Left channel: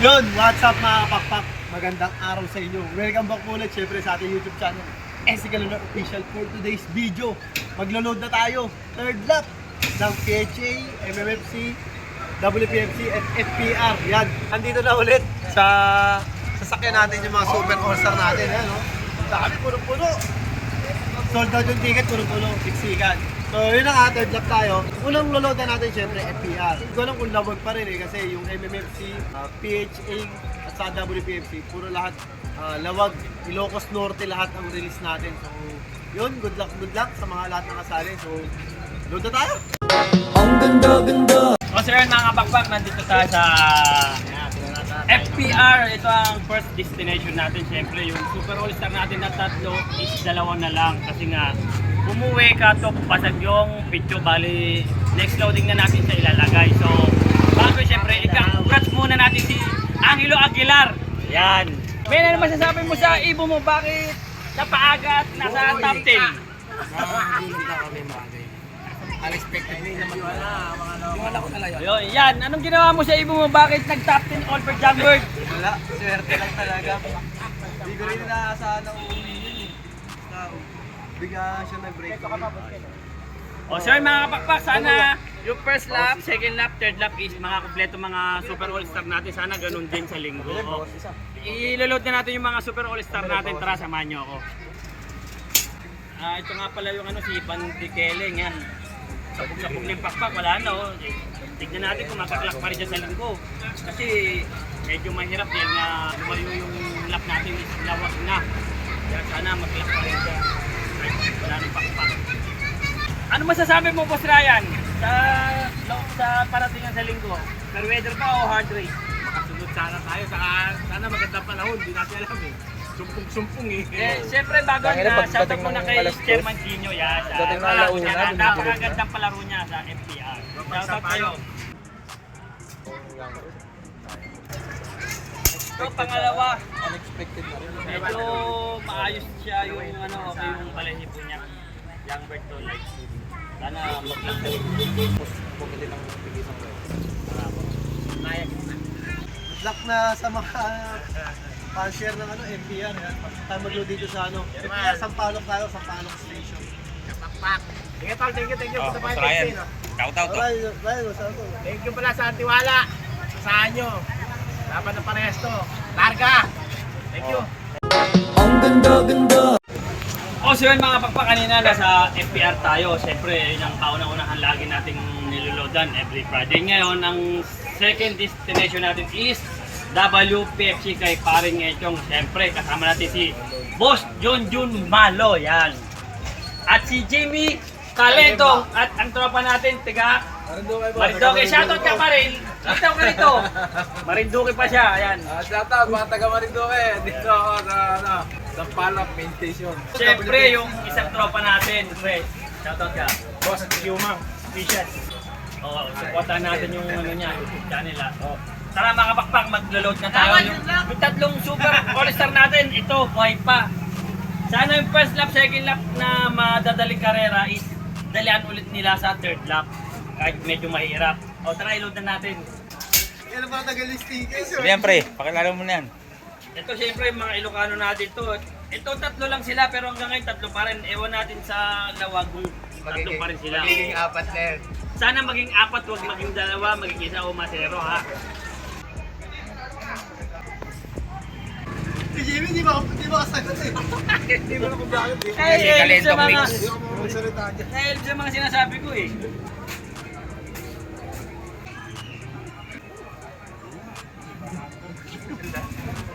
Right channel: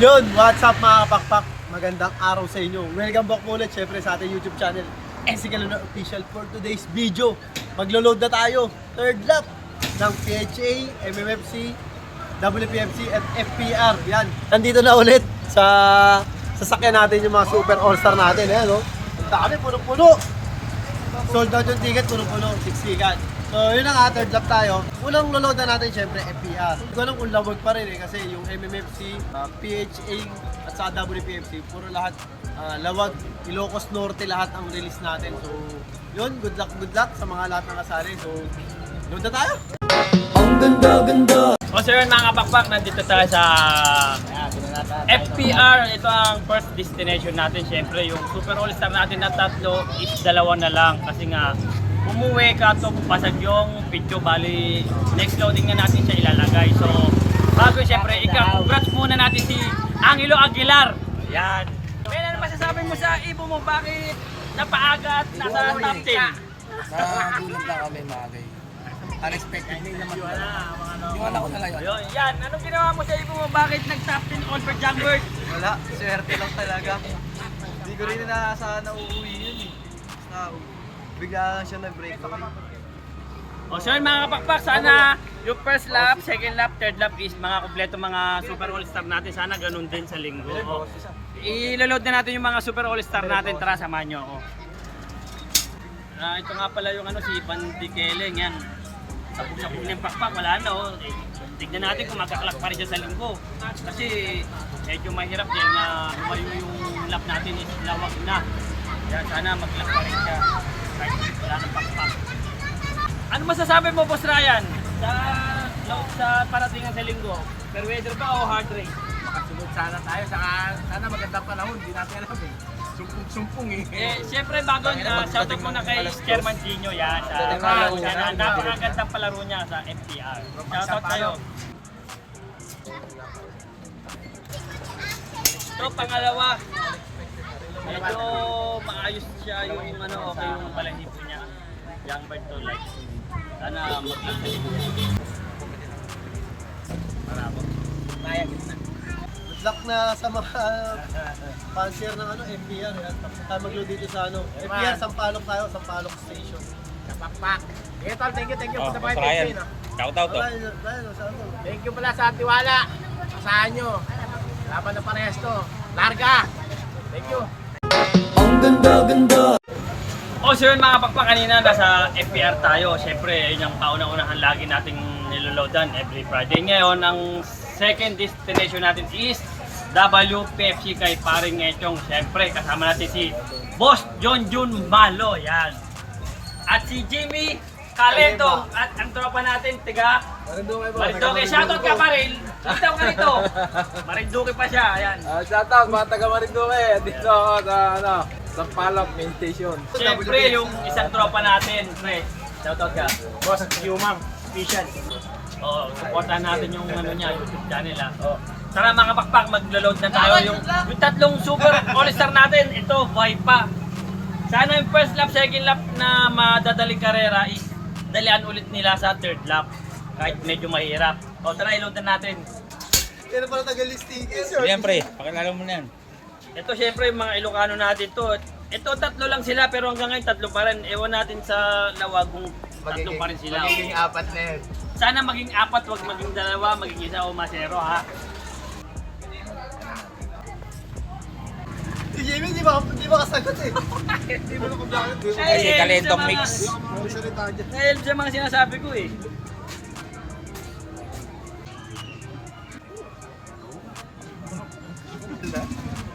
Yun, what's up mga kapakpak? Magandang araw sa inyo. Welcome back ulit syempre sa ating YouTube channel, Esical Lunar Official. For today's video, maglo-load na tayo. Third lap ng PHA, MMFC, WPFC at FPR. Yan, nandito na ulit sa sasakyan natin yung mga Super All-Star natin. Ayan, no? Ang dami, puno-puno. Sold out yung ticket, puno-puno, siksikan. So yun na nga, third lap tayo. Unang load na natin syempre FPR. Hindi ko alam kung labog pa rin kasi yung MMFC, PHA at sa WPFC, puro lahat lawag, Ilocos Norte lahat ang release natin. So yun, good luck sa mga lahat ng kasali. So load na tayo! Ang ganda-ganda! O so yun mga kapakpak, nandito tayo sa FPR. Ito ang first destination natin. Siyempre yung Super All-Star natin na tatlo is dalawa na lang. Kasi nga umuwi ka to pasag yung picture, bali next loading na natin siya ilalagay. So bago siyempre congrats muna natin si Angelo Aguilar. Yan. May na naman sasabi mo sa ibo mo, bakit napaaga at nasa top 10? Magulang lang kami bagay. Unexpected din naman wala. Yung anak ko na lang yun. Yan, anong ginawa mo sa ibo mo, bakit nag top 10 all for Jamberg? Wala, swerte lang talaga. Hindi ko rin inaasahan na uuwi yun eh. Bigla siya nag-break ako. O so yun mga kapakpak, sana yung first lap, second lap, third lap is mga kompleto mga Super All-Star natin. Sana ganun din sa linggo. O, iloload na natin yung mga Super All-Star natin. Tara, samahan nyo ako. Ito nga pala yung si Pantikeleng yan. Sabog-sabog na yung pakpak, wala na o. Tignan natin kung magkaklak pa rin siya sa linggo. Kasi medyo mahirap yan na lumayo yung lap natin is lawag na. Yan, sana mag-klak pa rin siya. Kahit wala ng pakpak. Ano masasabi mo, Boss Ryan, sa paratingan sa linggo? Fair weather ba o hard race? Makasunod sana tayo, saka sana magandang panahon, hindi natin alam eh. Sumpong-sumpong eh. Siyempre bago na, shoutout muna kay Chairman Gino yan. Palaro niya na, napakagandang palaro niya sa FPR. Shoutout kayo. Ito, pangalawa. Medyo maayos siya yung okay yung balahibo niya. Young bird to light. Sana mag-lock sa likod. Marabo. Good luck na sa mga fan-share ng FPR. Yan. Tapos tayo mag-load dito sa FPR, Sampaloc tayo, Sampaloc Station. Okay, tol, thank you for the fight. Shout-out to. Thank you pala sa tiwala. Asahan nyo. Laban ng parehas to. Larga! Thank you. Ang ganda-ganda! O so yun mga pakpak, kanina nasa FPR tayo. Siyempre yun ang kaunang-unahan lagi nating niloloadan every Friday. Ngayon ang second destination natin is WPFC kay paring Echong. Siyempre kasama natin si Boss John Jun Malo. Yan. At si Jamie Calento. At ang tropa natin, tiga Marinduque. Shoutout ka pa rin. Shoutout ka rito. Marinduque pa siya. Ayan. Shoutout mga taga Marinduque. Dito ako sa Sampaloc Main Station. Siyempre yung isang tropa natin, pre. Shoutout ka. Boss Yumang Official. Oo, supportahan natin yung niya, YouTube channel ha. Tara mga pakpak, maglo-load na tayo yung tatlong Super All-Star natin. Ito, buhay pa. Sana yung first lap, second lap na madadaling karera is dalian ulit nila sa third lap. Kahit medyo mahirap. O tara, i-load na natin. Kaya pala tagal-listing. Yan pre, pakilala mo na yan. Ito syempre yung mga Ilocano natin to. Ito tatlo lang sila pero hanggang ngayon tatlo pa rin. Ewan natin sa lawag kung tatlo pa rin sila. Magiging apat na yun. Sana maging apat, wag maging dalawa, maging isa o masero ha. Si Jamie, di ba kasagot eh? Hindi mo na kung bakit. Kasi Calentong mix. Dahil sa mga sinasabi ko eh.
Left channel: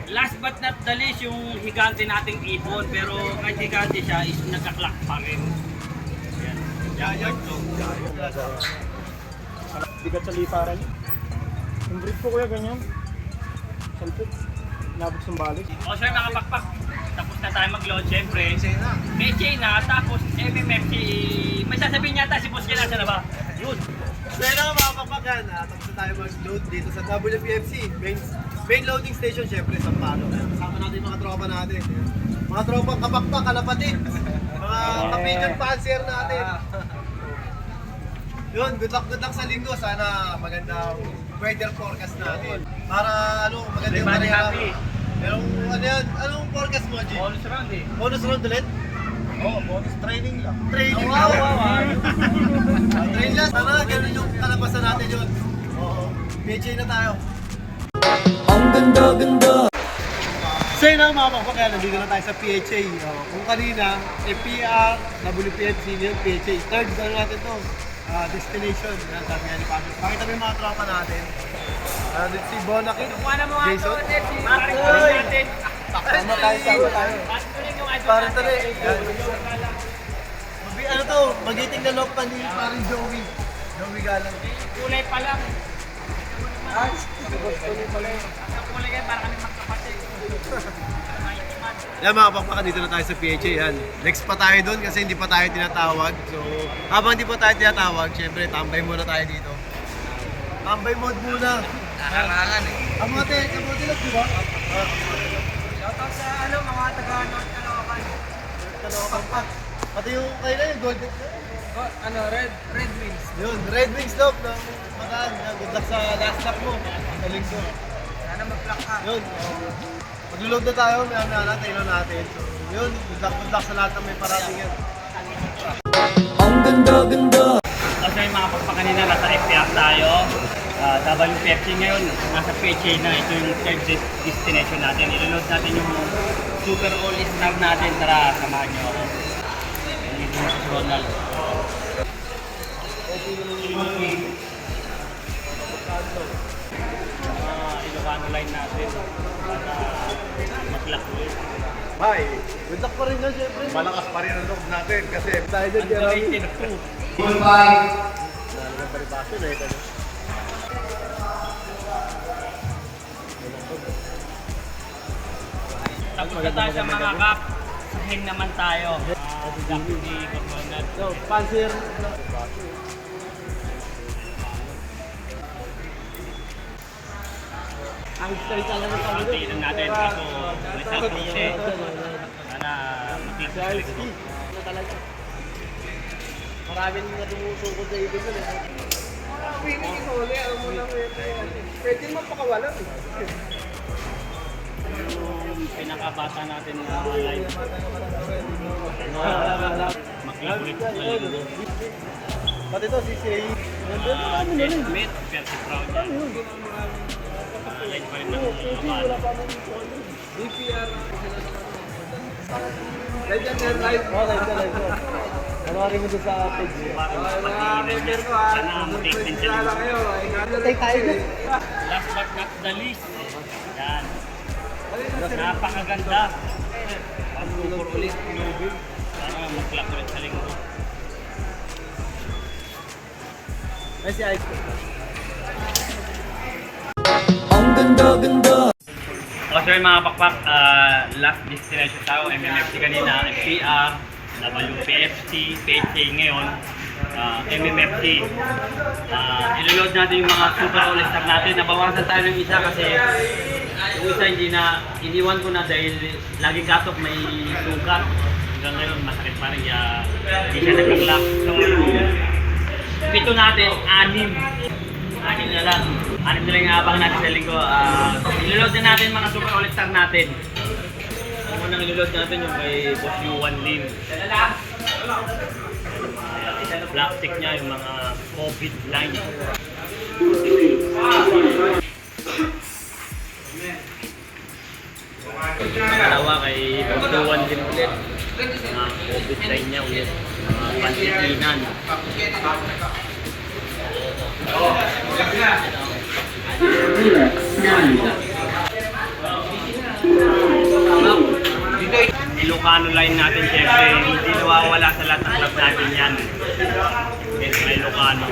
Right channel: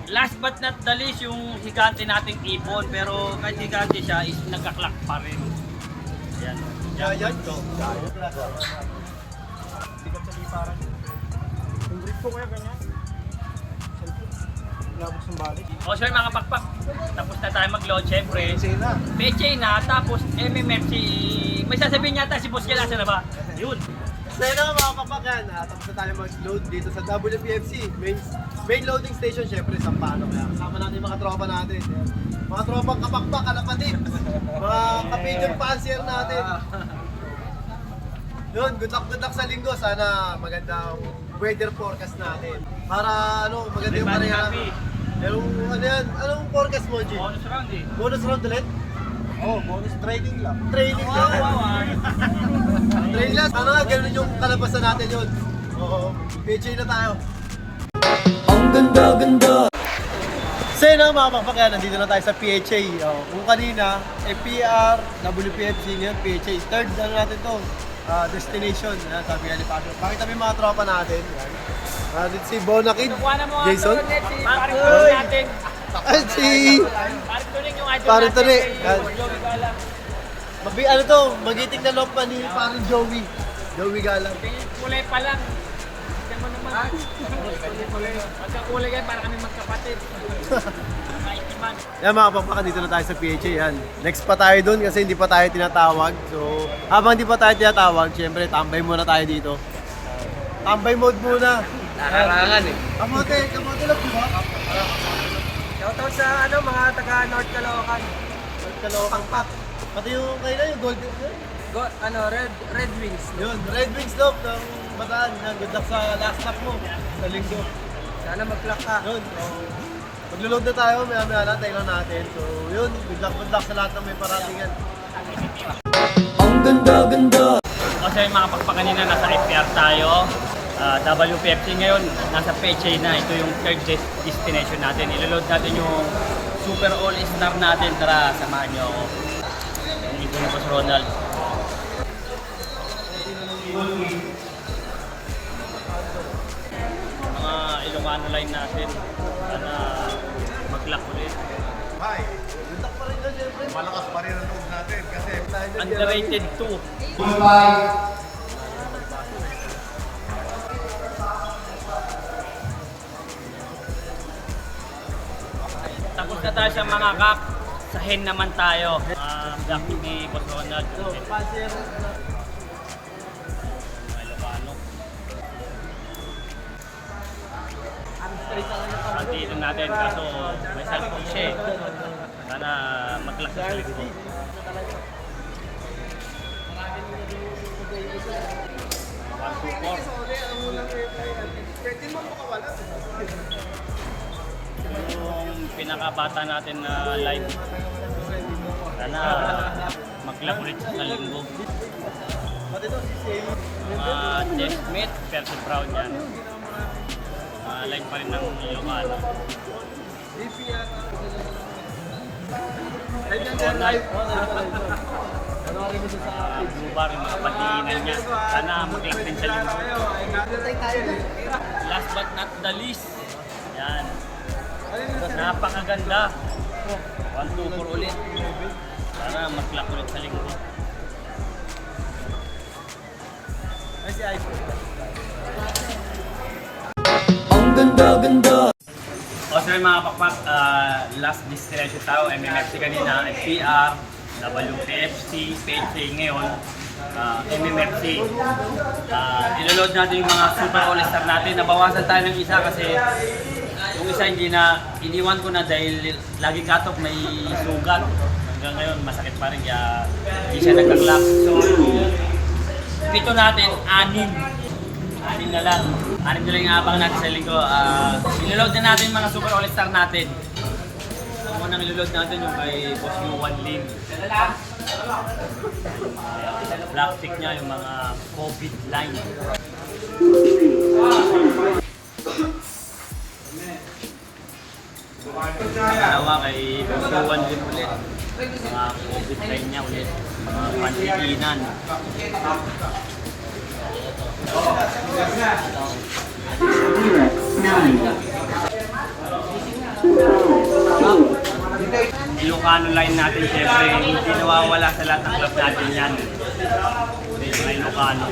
Last but not the least, yung higante nating ibon. Pero kahit higante siya, is nagkaklak pa rin. Ayan. Yan to. Bigat sa liparan. Yung grip ko kuya ganyan. Sampuk. Nabot sa balik. O sir mga pakpak, tapos na tayo mag-load syempre. May chain na, tapos MMFC. May sasabihin yata si Boss Jan, nasa na ba? Yun. So yun na mga kapakan, tapos na tayo mag-load dito sa WPFC. Main loading station syempre, Sampaloc. Kasama natin yung mga tropa natin. Yan. Mga tropang kapakpak, kalapatid. Mga kapidyan fancier natin. Yun, good luck sa linggo. Sana magandang weather forecast natin. Para ano, maganda yung pareha. Pero ano yan? Anong forecast mo, G? Bonus round eh. Bonus round ulit? Oo, bonus training lang. Training lang. Training lang. Sana ganun yung kalabasan natin yun. Oo. PHA na tayo. Ang ganda-ganda! So yun mga pakpak, yan, nandito na tayo sa PHA. Kung kanina, FPR, WPFC, ngayon PHA. Third, ano natin to? Destination. Ayan, sabi nga ni Pasio. Pakita mo yung mga tropa natin. Dito si Bonakid, Jason. Makoy! Si... Parang to rin. Ano to? Magiting na loob pa ni parang Joey. Joey Galang. Kulay pa lang. Tignan mo naman. At sa kulay kayo, para kami magkapatid. Yan mga kapakpakan, dito na tayo sa PHA. Yan. Next pa tayo dun kasi hindi pa tayo tinatawag. So, habang hindi pa tayo tinatawag, syempre tambay muna tayo dito. Tambay mode muna. Karangan eh. Kamote love, di ba? Shoutout sa ano, mga taga North Caloocan. North Caloocan pa. Pati yung kayo na yung golden. Red Wings. Yun, Red Wings love ng Bataan. Yan, good luck sa last lap mo. Sa linggo. Sana mag-clock ka. Yun, maglo-load na tayo, maya-maya na, tayo natin. So, yun, good luck sa lahat ng may paratingan. Ang ganda-ganda! O sa mga pagpakanina, nasa FPR tayo. WPFC ngayon, nasa PHA na. Ito yung third destination natin. Ilo-load natin yung Super All-Star natin. Tara, samahan nyo ako. Dito na po si Ronald. Mga Ilocano line natin. Sana mag-lock ulit. Hi, good luck pa rin na, syempre. Malakas pa rin ang loob natin kasi Underrated 2. Tapos na tayo sa mga kap. Sa hen naman tayo. Gap ni Boss Ronald. So, Panzer. Pantilan natin kaso may salpong siya. Sana mag-lock sa select ko. Maraming natinusukod sa ibig ko. Pwede mo makawala. Yung pinakabata natin na line. Sana mag-lock ulit sa linggo. Pati to, si Say. Deathmate, Percy Proud yan. Line pa rin ng Ilocano. Panoorin mo sa akin. Guba rin magpatiinan niya. Sana mag-lock din sa linggo. Last but not the least. Yan. Napakaganda. 1-2-4 ulit. Sana mag-lock ulit sa linggo. Kasi ice cream. ang ganda-ganda! O so mga pakpak, last destination tayo, MMFC kanina, FPR, WPFC, PHA ngayon, MMFC. Iloload natin yung mga Super All-Star natin. Nabawasan tayo ng isa kasi yung isa hindi na, iniwan ko na dahil lagi katok may sugat. Hanggang ngayon masakit pa rin kaya hindi siya nagka-clock. So pito natin, 6 na lang. 6 na lang yung abang natin sa linggo. Iloload na natin yung mga Super All-Star natin. Ang unang iloload natin yung kay Boss Yuan Lim. Plastic niya yung mga COVID line. Dalawa kay Boss Yuan Lim ulit. Mga COVID line niya ulit. Mga pantitinan. Ilocano line natin syempre, hindi nawawala sa lahat ng club natin yan. Ilocano.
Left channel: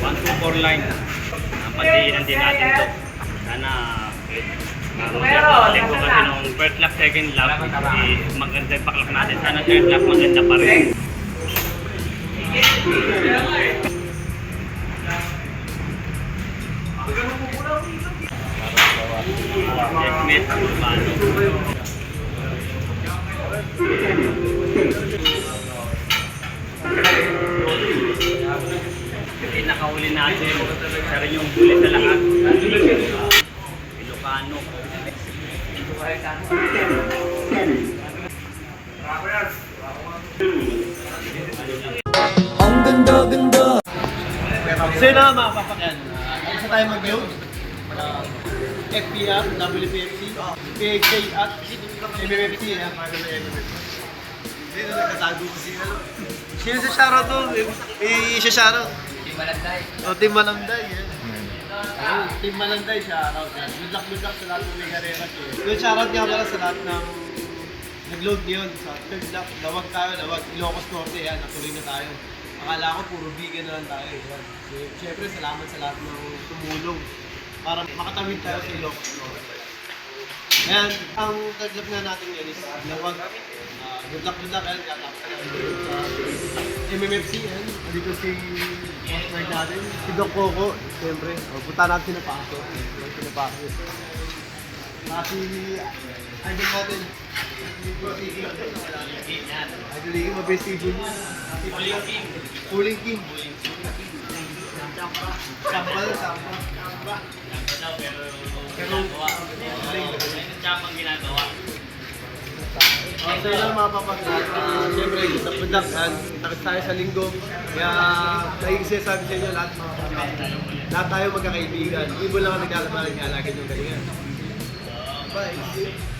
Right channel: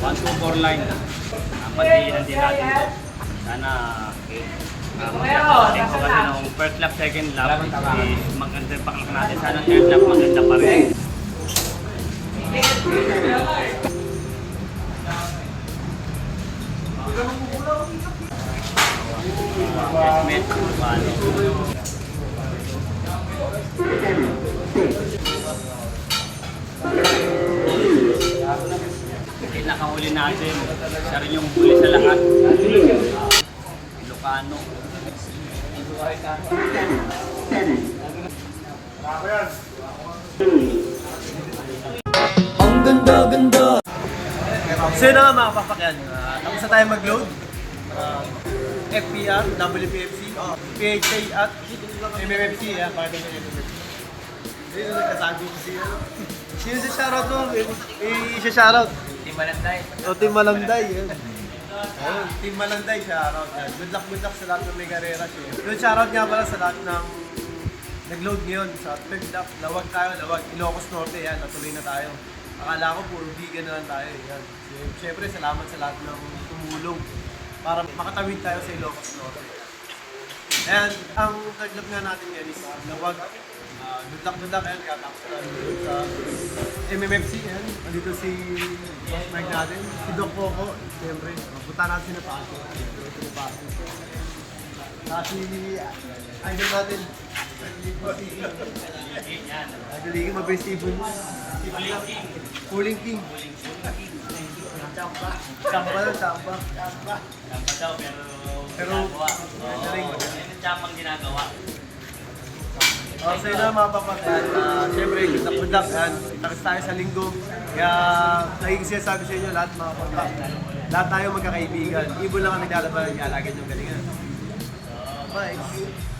1-2-4 line. Pandiinan din natin to. Sana magkakaling ko kasi nung first lap, second lap, maganda yung paklak natin. Sana third lap maganda pa rin. Estimate kung paano. pinakahuli natin. Siya rin yung huli sa lahat. Ilocano. So yun na nga mga papakyan, tapos na tayo mag-load. FPR, WPFC, KHA at MMFC. Para naman MMFC. Dito nagkatago kasi ano. Sino sa shoutout to? Siya shoutout. Team Malanday. O, Team Malanday. Ayun, Team Malanday, shoutout. Good luck sa lahat ng may karera. Good shoutout nga pala sa lahat ng nag-load ngayon sa third lap. Lawag tayo, lawag. Ilocos Norte, yan. Natuloy na tayo. Akala ko puro vegan na lang tayo. Yan. Siyempre, salamat sa lahat ng tumulong para makatawid tayo sa Ilocos Norte. Ayan, ang third lap nga natin yan is lawag. Good luck, yan. Katapos na sa MMFC. Yan. Andito si Boss Mark natin, si Doc Coco. Siyempre, punta natin si Napaso. Si idol natin. Idol League, mabilis table niya. Pulling King. Samba na, samba. Samba daw, Pero, galing. Tsapang ginagawa. So yun na mga papagyan. Siyempre, good luck. Tapos tayo sa linggo. Kaya, lagi sinasabi sa inyo lahat mga papagyan. Lahat tayo magkakaibigan. Ibon lang kami lalaban ng galagad yung galingan. Bye.